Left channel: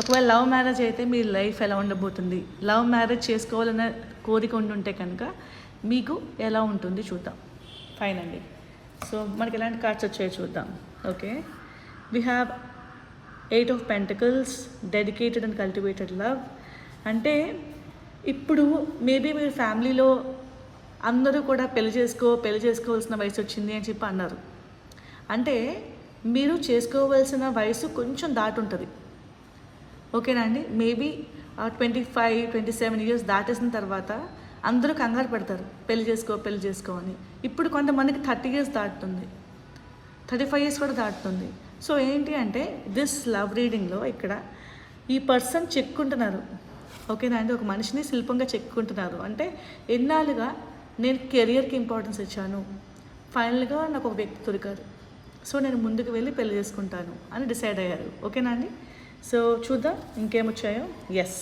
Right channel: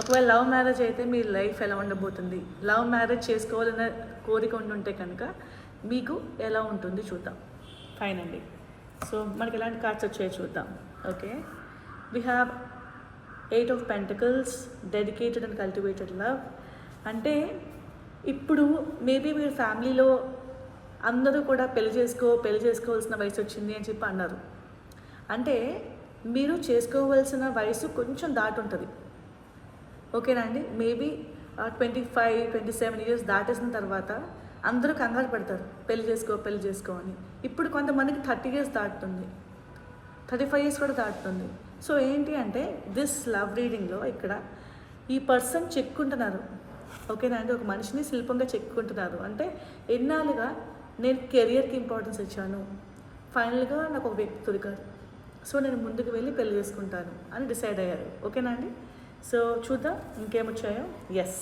ఒకవేళ love marriage అయితే మీ life ఎలా ఉండబోతుంది, లవ్ మ్యారేజ్ చేసుకోవాలనే కోరిక ఉంటుంటే కనుక మీకు ఎలా ఉంటుంది చూద్దాం. ఫైన్ అండి. సో మనకి ఎలాంటి కార్డ్స్ వచ్చాయో చూద్దాం. Okay, we have 8 of Pentacles, dedicated and cultivated love. అంటే ఇప్పుడు మేబీ మీ ఫ్యామిలీలో అందరూ కూడా పెళ్లి చేసుకోవాల్సిన వయసు వచ్చింది అని చెప్పి అన్నారు. అంటే మీరు చేసుకోవాల్సిన వయసు కొంచెం దాటి ఉంటుంది. ఓకేనా అండి? మేబీ 25-27 ఇయర్స్ దాటేసిన తర్వాత అందరూ కంగారు పడతారు, పెళ్లి చేసుకో అని. ఇప్పుడు కొంతమందికి 30 ఇయర్స్ దాటుతుంది, 35 ఇయర్స్ కూడా దాటుతుంది. సో ఏంటి అంటే దిస్ లవ్ రీడింగ్లో ఇక్కడ ఈ పర్సన్ చెక్కుంటున్నారు. ఓకేనా అండి? ఒక మనిషిని శిల్పంగా చెక్కుంటున్నారు. అంటే ఎన్నాళ్ళుగా నేను కెరియర్కి ఇంపార్టెన్స్ ఇచ్చాను, ఫైనల్గా నాకు ఒక వ్యక్తి దొరికారు, సో నేను ముందుకు వెళ్ళి పెళ్లి చేసుకుంటాను అని డిసైడ్ అయ్యారు. ఓకేనా అండి? సో చూద్దాం ఇంకేమొచ్చాయో. ఎస్,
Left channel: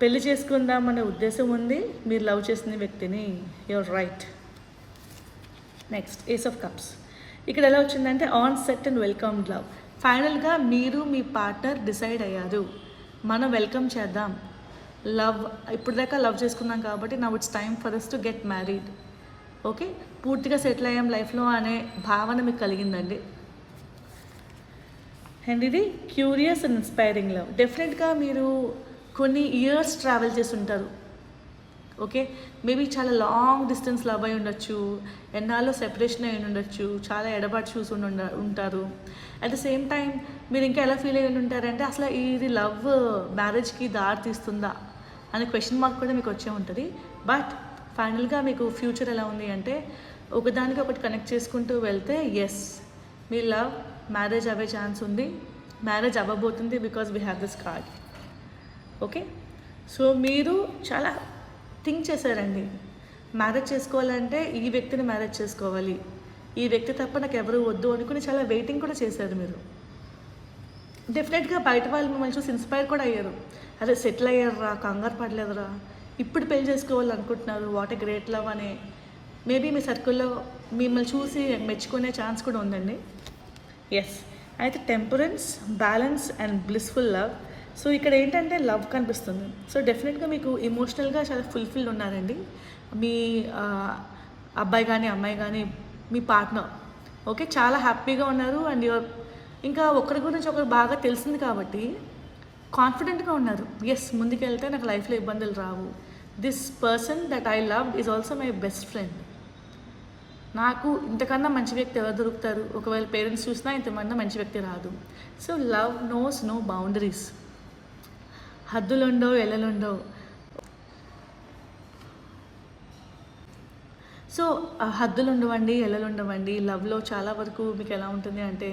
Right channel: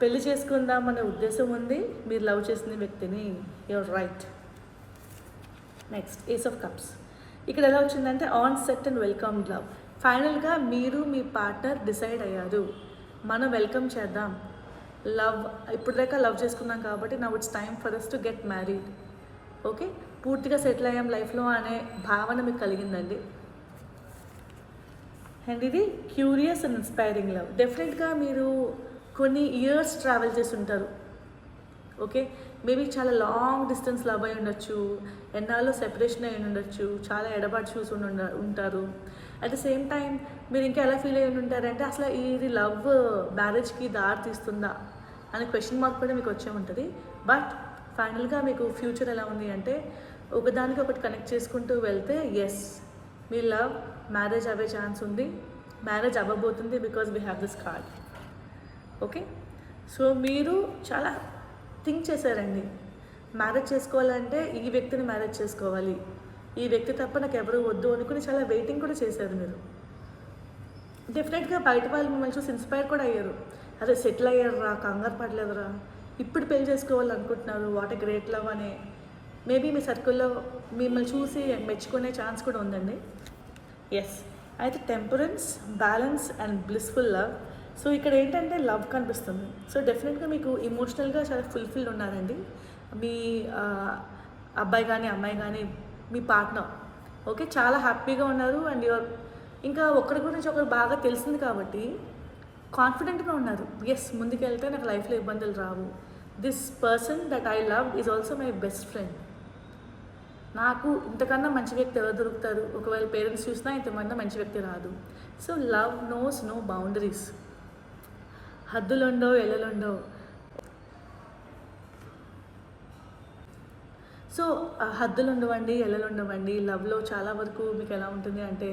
పెళ్లి చేసుకుందాం అనే ఉద్దేశం ఉంది మీరు లవ్ చేసిన వ్యక్తిని. Your right. Next ace of cups. ఇక్కడ ఎలా వచ్చిందంటే on set and welcome love. ఫైనల్గా మీరు మీ పార్ట్నర్ డిసైడ్ అయ్యారు, మనం వెల్కమ్ చేద్దాం. లవ్ ఇప్పుడు దాకా లవ్ చేసుకున్నాం కాబట్టి now it's time for us to get married. Okay, పూర్తిగా సెటిల్ అయ్యాం లైఫ్లో అనే భావన మీకు కలిగిందండి. అండ్ ఇది క్యూరియస్ అండ్ ఇన్స్పైరింగ్ లవ్. డెఫినెట్గా మీరు కొన్ని ఇయర్స్ ట్రావెల్ చేసి ఉంటారు. ఓకే, మేబీ చాలా లాంగ్ డిస్టెన్స్ లవ్ అయి ఉండొచ్చు, ఎన్నాళ్ళు సెపరేషన్ అయి ఉండొచ్చు, చాలా ఎడబాటు చూసి ఉంటారు. అట్ ద సేమ్ టైం మీరు ఇంకా ఎలా ఫీల్ అయి ఉంటారంటే అసలు ఇది లవ్ మ్యారేజ్కి దారి తీస్తుందా అనే క్వశ్చన్ మార్క్ కూడా మీకు వచ్చే ఉంటుంది. బట్ ఫైనల్గా మీకు ఫ్యూచర్ ఎలా ఉంది అంటే ఒకదానికి ఒకటి కనెక్ట్ చేసుకుంటూ వెళ్తే ఎస్, మీ లవ్ మ్యారేజ్ అవ్వే ఛాన్స్ ఉంది, మ్యారేజ్ అవ్వబోతుంది, because we have this card. Okay, so మీరు చాలా థింక్ చేశారండి. మ్యారేజ్ చేసుకోవాలంటే ఈ వ్యక్తిని మ్యారేజ్ చేసుకోవాలి, ఈ వ్యక్తి తప్ప నాకు ఎవరు వద్దు అనుకుని చాలా వెయిటింగ్ కూడా చేశారు మీరు. డెఫినెట్గా బయట వాళ్ళు మిమ్మల్ని చూసి ఇన్స్పైర్ కూడా అయ్యారు. అదే సెటిల్ అయ్యారా, కంగారు పడలేదురా, ఇప్పుడు పెళ్లి చేసుకోవాలనుకుంటున్నారు, వాట్ ఏ గ్రేట్ లవ్ అనే మేబీ మీ సర్కిల్లో మిమ్మల్ని చూసి మెచ్చుకునే ఛాన్స్ కూడా ఉందండి. ఎస్, అయితే temperance, balance and blissful love. So ఇక్కడ ఏంటంటే లవ్ కనిపిస్తుంది. సో డెఫినెట్గా మీకు ఎమోషనల్గా చాలా ఫుల్ఫిల్ ఉన్నారండి మీ అబ్బాయి కానీ అమ్మాయి కానీ మీ పార్ట్నర్. ఓకే, చాలా హ్యాపీగా ఉన్నారు. అండ్ ఇంకా ఒకరి గురించి ఒకరు బాగా తెలిసింది కాబట్టి కాన్ఫిడెంట్గా ఉన్నారు. ఎస్, ముందుకెళ్తే నాకు లైఫ్లో ఇబ్బందులు రావు. This person that I love is also my best friend. నాకు ఇంతకన్నా మంచి వ్యక్తి ఎవరు దొరుకుతారు? ఒకవేళ పేరెంట్స్ చూసినా ఇంతకన్నా మంచి వ్యక్తి రాదు. So love knows no boundaries. హద్దులుండవు, ఎల్లలుండవు. సో హద్దులు ఉండవండి, ఎల్లలు ఉండవండి. లవ్లో చాలా వరకు మీకు ఎలా ఉంటుంది అంటే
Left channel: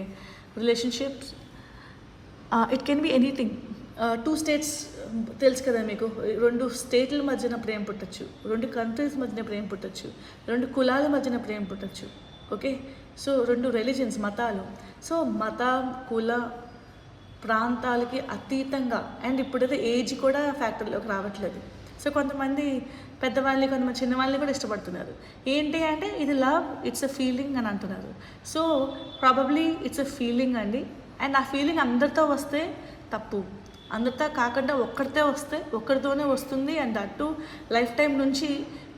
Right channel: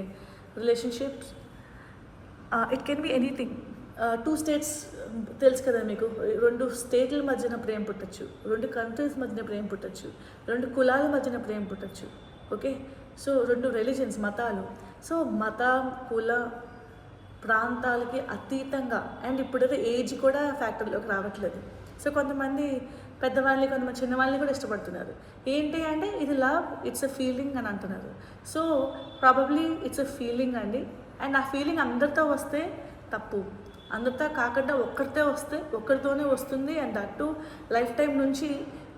relationships it can be anything. 2 states తెలుసు కదా మీకు, 2 స్టేట్ల మధ్యన ప్రేమ పుట్టచ్చు, 2 కంట్రీస్ మధ్యన ప్రేమ పుట్టచ్చు, 2 కులాల మధ్యన ప్రేమ పుట్టచ్చు. ఓకే, సో 2 రిలీజన్స్, మతాలు. సో మత, కుల, ప్రాంతాలకి అతీతంగా. అండ్ ఇప్పుడైతే ఏజ్ కూడా ఫ్యాక్టర్లోకి రావట్లేదు. సో కొంతమంది పెద్దవాళ్ళని, కొంతమంది చిన్నవాళ్ళని కూడా ఇష్టపడుతున్నారు. ఏంటి అంటే ఇది లవ్, ఇట్స్ అ ఫీలింగ్ అని అంటున్నారు. So probably it's a feeling అండి. అండ్ ఆ ఫీలింగ్ అందరితో వస్తే తప్పు, అందరితో కాకుండా ఒక్కరితో వస్తే ఒక్కరితోనే వస్తుంది. అండ్ దట్టు లైఫ్ టైం నుంచి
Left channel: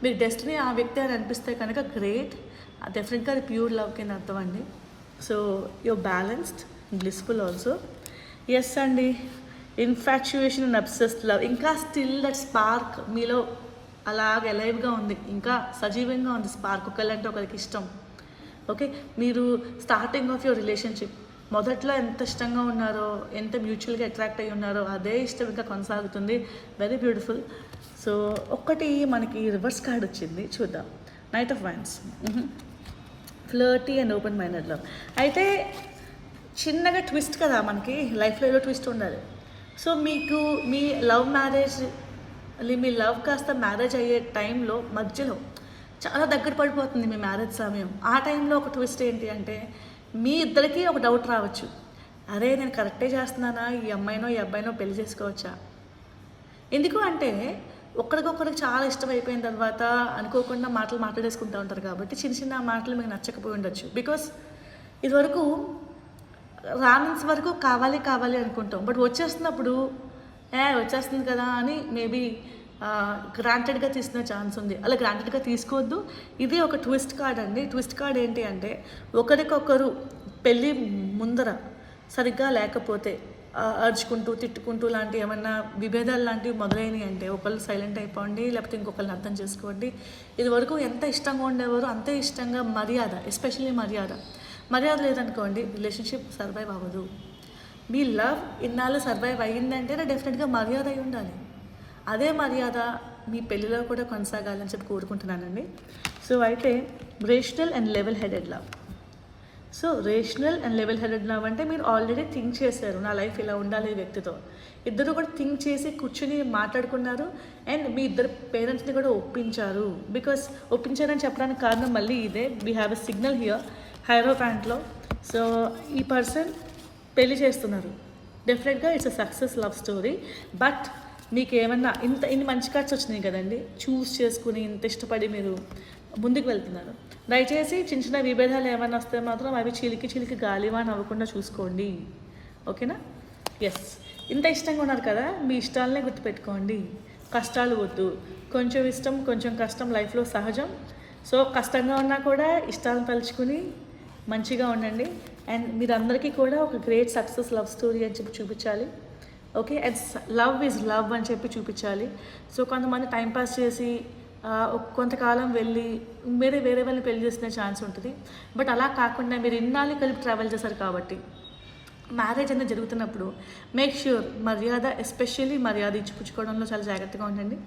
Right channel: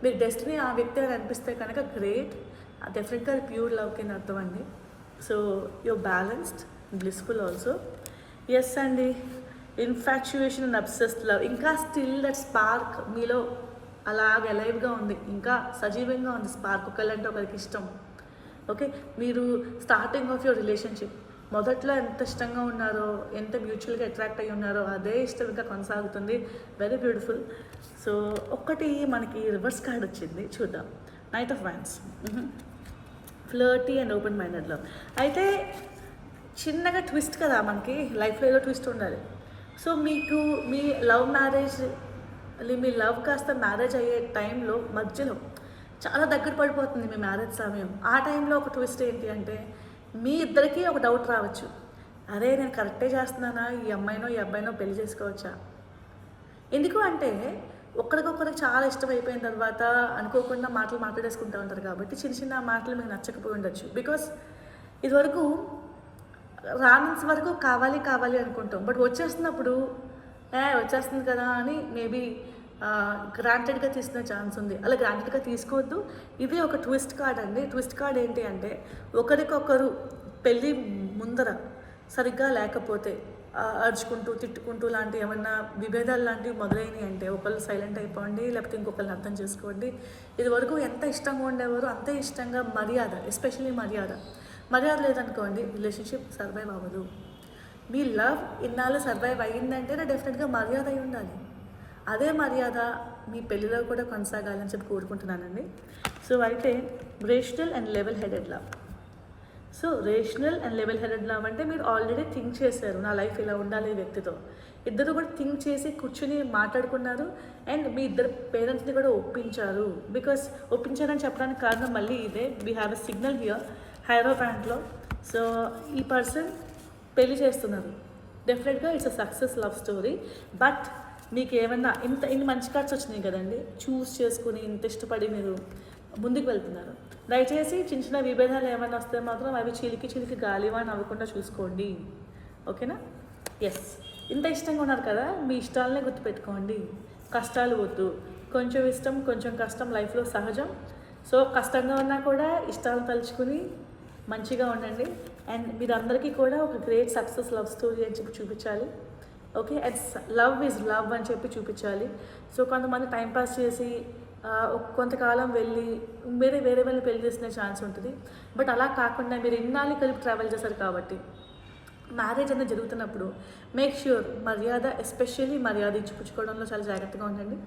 మీరు డెస్టినీ ఆ వ్యక్తి అని అనిపిస్తే కనుక గ్రేట్. డెఫినెట్గా అది ప్యూర్ లవ్ కింద అర్థం అండి. So your balanced, blissful also. Yes అండి, ఇన్ఫాక్చుయేషన్ అండ్ అబ్సెస్డ్ లవ్. ఇంకా స్టిల్ దట్ స్పార్క్ మీలో అలాగ ఎలైవ్గా ఉంది, ఇంకా సజీవంగా ఉంది స్పార్క్. ఒకళ్ళంటే ఒకరికి ఇష్టం. ఓకే, మీరు స్టార్టింగ్ ఆఫ్ యువర్ రిలేషన్షిప్ మొదట్లో ఎంత ఇష్టంగా ఉన్నారో, ఎంత మ్యూచువల్గా అట్రాక్ట్ అయ్యి ఉన్నారో అదే ఇష్టం ఇంకా కొనసాగుతుంది. Very beautiful. సో ఒక్కటి మనకి రివర్స్ కార్డ్ వచ్చింది, చూద్దాం. Knight of wines. Flirty and open minded love. అయితే చిన్నగా ట్విస్ట్ కదా, మనకి లైఫ్లో ఏదో ట్విస్ట్ ఉండాలి. సో మీకు మీ లవ్ మ్యారేజ్, మీ లవ్ కాస్త మ్యారేజ్ అయ్యే టైంలో మధ్యలో చాలా దగ్గర పడిపోతుంది మీ మ్యారేజ్ సమయం. ఆ టైంలో ఒక ట్విస్ట్ ఏంటి అంటే మీ ఇద్దరికీ ఒక డౌట్ రావచ్చు, అరే నేను కరెక్టే చేస్తున్నానా, ఈ అమ్మాయినో ఈ అబ్బాయినో పెళ్లి చేసుకోవచ్చా? ఎందుకు అంటే ఒకరికొకరికి చాలా ఇష్టం అయిపోయిన తర్వాత అనుకోకుండా మాటలు మాట్లాడేసుకుంటూ ఉంటారు కాబట్టి చిన్న చిన్న మాటలు మీకు నచ్చకపోయి ఉండొచ్చు. బికాస్ ఇదివరకు రానంత వరకు కావాలి కావాలి అనుకుంటాం. బట్ వచ్చేస్తున్నప్పుడు వచ్చేస్తుంది కదా అని మేబీ గ్రాంటెడ్‌గా తీసుకునే ఛాన్స్ ఉంది. అలా గ్రాంటెడ్‌గా తీసుకోవద్దు. ఇది ఒక ట్విస్ట్ కార్డ్ అండి. ట్విస్ట్ కార్డ్ ఏంటి అంటే ఒకరికొకరు పెళ్లి ముందర సరిగ్గా లేకపోతే అరుచుకుంటూ, తిట్టుకుంటూ లాంటి ఏమన్నా విభేదాలు లాంటివి మొదలైనయి అంటే ఒకళ్ళు సైలెంట్ అయిపోండి. లేకపోతే ఇంకొకళ్ళని అర్థం చేసుకోండి. ఇదివరకు ఎంత ఇష్టంగా ఉండేవారో అంతే ఇష్టంగా మర్యాద, ఎస్పెషల్లీ మర్యాద. మర్యాద లేదనుకోండి రిలేషన్‌షిప్ సర్వైవ్ అవ్వదు. మీ లవ్ ఇన్నాళ్ళు సర్వైవ్ అయ్యిందంటేనే డెఫినెట్‌గా మర్యాద అయి ఉండాలి. అదే మర్యాద మీ పెళ్ళిలో కూడా కొనసాగాలని చెప్పి కోరుకుంటున్నానండి. సో అయితే rational and level headed love. So rational and level headed love అంటే మీరు ఆల్రెడీ థింక్ చేశారు, నా లైఫ్ ఇలా ఉండాలి ఈ వ్యక్తితో. ఇద్దరు కూడా థింక్ చేసి కూర్చుని మాట్లాడుకున్నారు అండ్ మీ ఇద్దరు పేరెంట్స్ని కూడా ఒప్పించారు. బికాస్ ఒప్పించారని చెప్పడానికి కారణం మళ్ళీ ఇదే. We have a signal here హైరోఫాంట్లో. సో ఈ పర్సన్ పెళ్లి చేస్తున్నారు. డెఫినెట్గా it's a success love story. But మీకు ఏమన్నా ఇన్ని మంచి కార్డ్స్ వచ్చినాయి కదండి, చూస్ చేసుకుని ఇంత ఇష్టపడి మీరు ముందుకు వెళ్తున్నారు. దయచేసి చిన్న చిన్న విభేదాలు ఏమైనా వస్తే మాత్రం అవి చిలికి చిలికి గాలివాన అవ్వకుండా చూసుకోండి. ఓకేనా? ఎస్, ఇంత ఇష్టంగా ఉన్నారు కదా, మీ ఇష్టాలనే గుర్తుపెట్టుకోండి. కష్టాలు వద్దు. కొంచెం ఇష్టం కొంచెం కష్టం లైఫ్లో సహజం. సో కష్టంగా ఉన్నా కూడా ఇష్టాలను తలుచుకుని మంచిగా ఉండండి. అండ్ మీరందరికీ కూడా ఒక గ్రేట్ సక్సెస్ లవ్ స్టోరీ అని చెప్పి చూపించాలి. Okay, and love is love అని చెప్పి చూపించాలి. సో కొంతమంది టైంపాస్ చేసి కొంతకాలం వెళ్ళి వేరే వాళ్ళని పెళ్లి చేసుకునే ఛాన్స్ ఉంటుంది. బట్ అలా కాకుండా మీరు ఇన్నాళ్ళు కలిపి ట్రావెల్ చేశారు కాబట్టి మ్యారేజ్ అనేది జరుగుతున్నప్పుడు మేక్ ష్యూర్ మర్యాద, ఎస్పెషల్లీ మర్యాద ఇచ్చిపుచ్చుకోవడంలో చాలా జాగ్రత్తగా ఉండండి.